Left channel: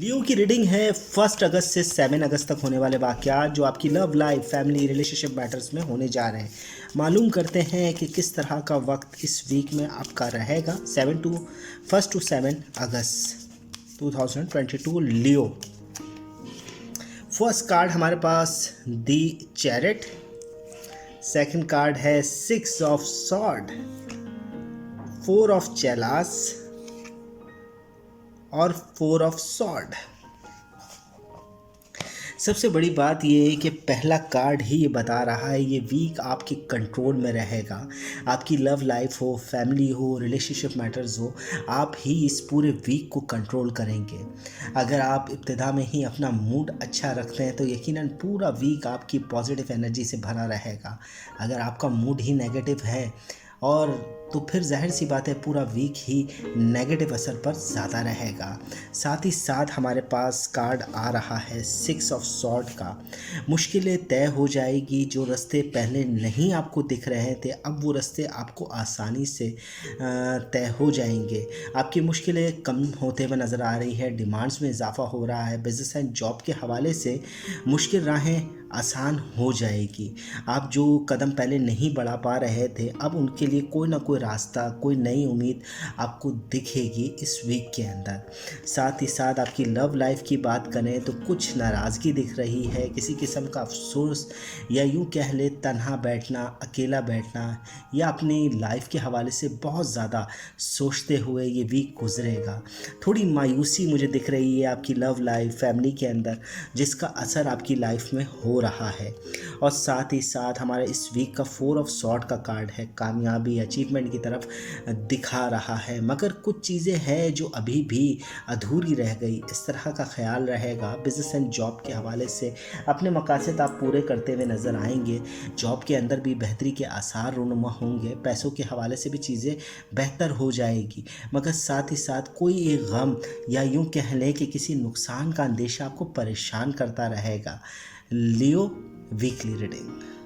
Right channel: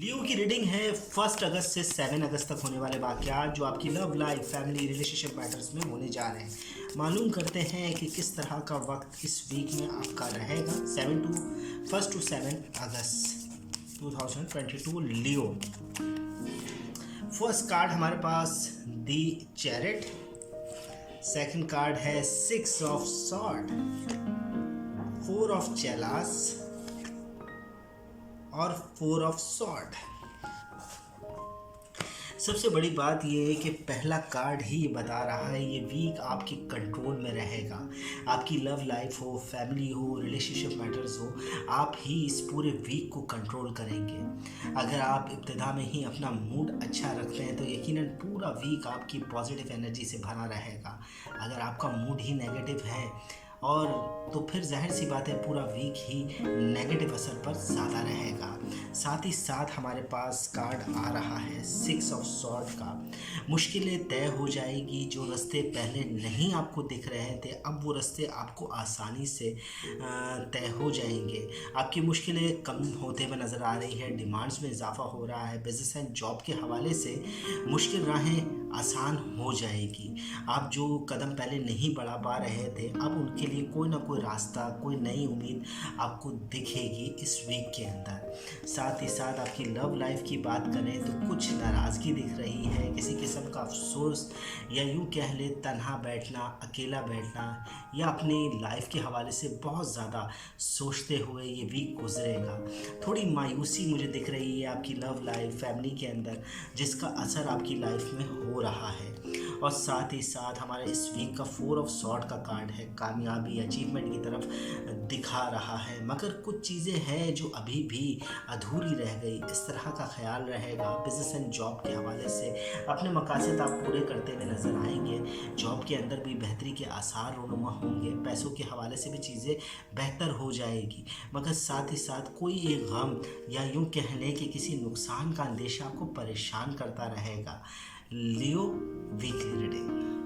लियो की रीडिंग है 1 अगस्त से 7 अगस्त तक होने वाले वाक़यात जो आपकी love life, family, relationship matters में होने जा रहे हैं। मालूम करते हैं कि किस तरह का वक्त इस वीक में आपका रहेगा। 1 to 7 August 2022 Leo. First card हमारे पास दी चैरिट। सेकंड कार्ड है 6 ऑफ सॉर्ड, 4 ऑफ चेलास और 4 ऑफ सॉर्ड। सबसे बड़ी बात ये है कि पहला कार्ड ही ये बता रहा है ये वीक आपके कंट्रोल में रहेगा। आपकी लव लाइफ हो, फैमिली हो, रिलेशनशिप मैटर्स हो, आप ही इस पूरे वीक को कंट्रोल करेंगे। अगर आप इब्तिदा में ही अपना मूड अच्छा रखते हैं तो यकीनन पूरा वीक आपकी पॉजिटिव एनर्जी से भरा रहेगा। अगर आपका मूड ही नेगेटिव है और तो फिर ज़ाहिर सी बात है पूरा वीक ही नेगेटिव असर पर ज़्यादा रहेगा। साथ ही साथ हमारे पास कार्ड आ रहा है 6 ऑफ सॉर्ड का। मुश्किलें तय हो जाएगी। जो रास्ते पहले नहीं आपको दिख रहे थे अब वो रास्ते आपको आसानी से तय हो जाएंगे। आपकी मुश्किलें कम होते हुए नज़र आ रही है। डिमांड्स में इजाफा हो रहा है। बिजनेस एंड जॉब के हवाले से मुश्किल राहें आसान हो जाएगी। आप जो कदम पहले नहीं बढ़ा पा रहे थे अब उनके लिए कोई ना कोई रास्ता, कोई नई उम्मीद आपको दिखेगी इस वीक के अंदर। साथ ही साथ आपकी लव लाइफ की बात करें तो कुछ नाराज़गी दिख रही है, किसी किस्म का अफसोस या यूँ कह ले तन्हा बैठना, अकेला बैठना या अपनी लाइफ के हवाले से बहुत ज़्यादा सोचते हुए ये वीक गुजरेगा। थोड़ी मायूसी मुझे दिख रही है आपकी लव लाइफ, फैमिली के अंदर, जिसका असर आपकी लाइफ में हो रहा है। और साथ ही साथ हमारे इस वीक का 4 ऑफ सॉर्ड का कार्ड है, कामयाबी, अचीवमेंट की तरफ दिखा रहा है। मगर कुछ चीज़ें हैं जो अभी भी अधूरी रह गई, इस तरह का ख्याल रहेगा। बिजनेस एंड जॉब के हवाले से अपने मकासद आप पूरे करते हुए नज़र आएंगे। जॉब के अंदर भी बेहतरी के आसार रूनुमा होंगे। पैसों के हवाले से भी चीज़ें बेहतर हो जाएगी। मगर साथ ही साथ कोई एक गम या यूँ कह लें कि किसी नुकसान का अंदेशा आपको परेशान करता रहेगा। लियो वीकली रीडिंग।